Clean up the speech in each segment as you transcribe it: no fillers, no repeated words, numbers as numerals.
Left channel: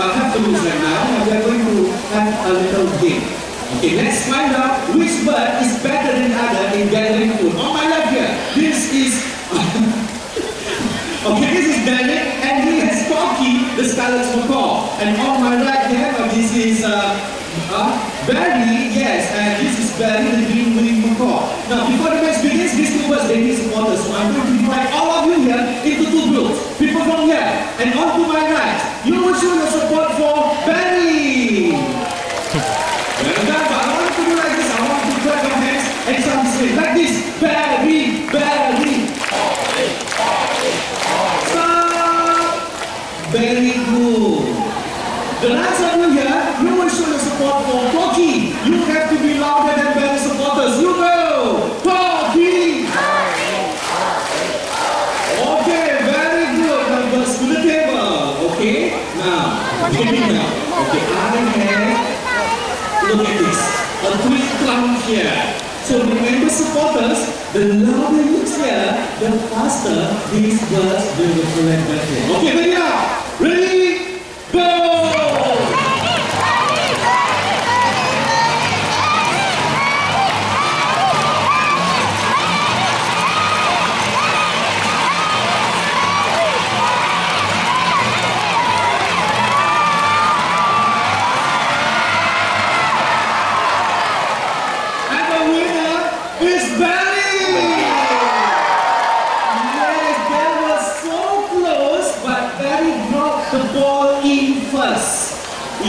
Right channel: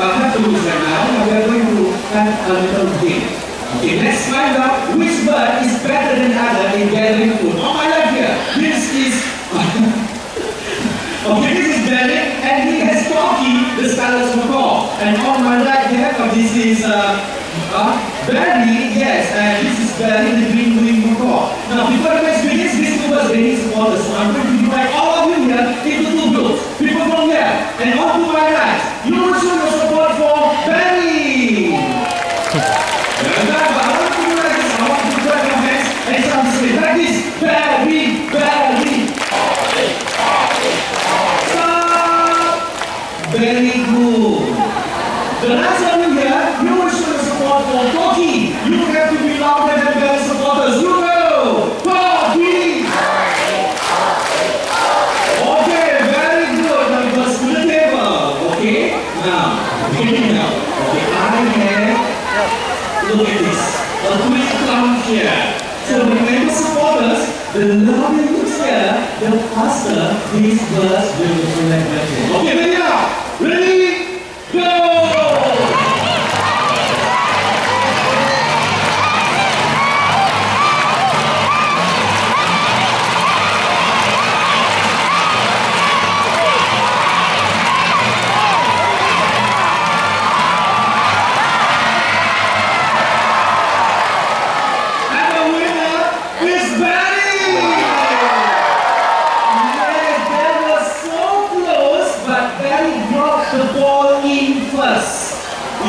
have to lose right now. We are going to have a little game. Okay, let's find out which bird is better than other in gathering food. On my left here, this is okay, this is Derek, and he has Corky, the scarlet macaw. And on my right here, this is Barry, yes, and this is Barry, the green-winged macaw. Now, before the match begins, these two birds, they need supporters. So I'm going to divide all of you here into two groups. People from here, and on to my right, you will show your support for Barry. Well done, but I want to do like this. I want to clap your hands and start to say like this. Barry, Barry. Stop. Very good. The last one you here, you will show your support for Corky. You have to be louder than Barry supporters. You go. Corky. Okay, very good. Numbers to the table. Okay. Now, beginning now. Okay, I have. Look at this. A quick count here. So remember supporters, the louder you cheer, the faster these birds will collect better. Okay, ready now? Ready? Go!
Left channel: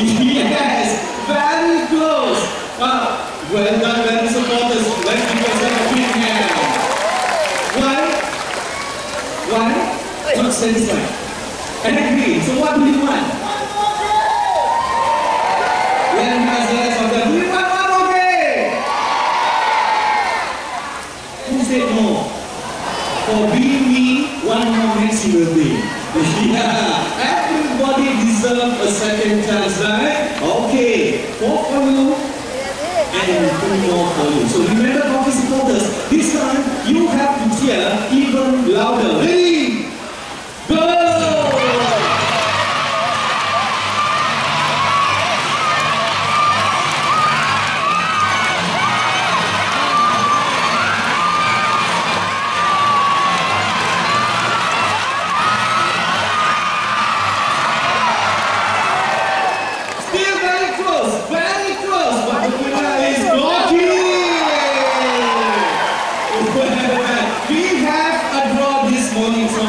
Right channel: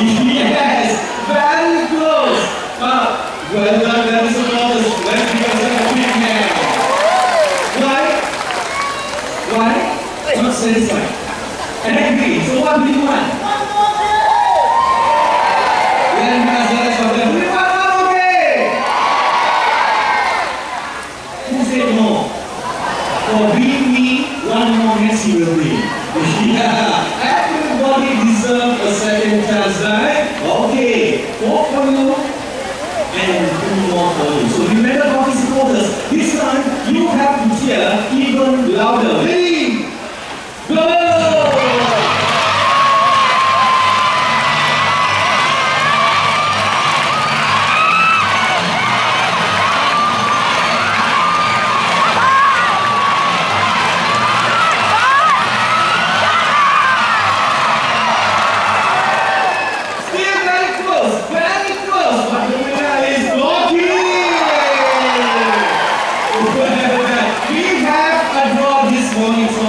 Yes, very close. Well done, very supporters. Let's give ourselves a big hand. Why? Why? Not satisfied. And agree. So what do you want? One more day. Then let's for them. We want one more day. Who said no? For being me, one more Messi will be. Yeah. Everybody deserves a second chance, right? Okay, 4 for you and 2 more for you. So remember, Hockey supporters, this time you have to cheer even louder. Ready? Go! We have a draw this morning, so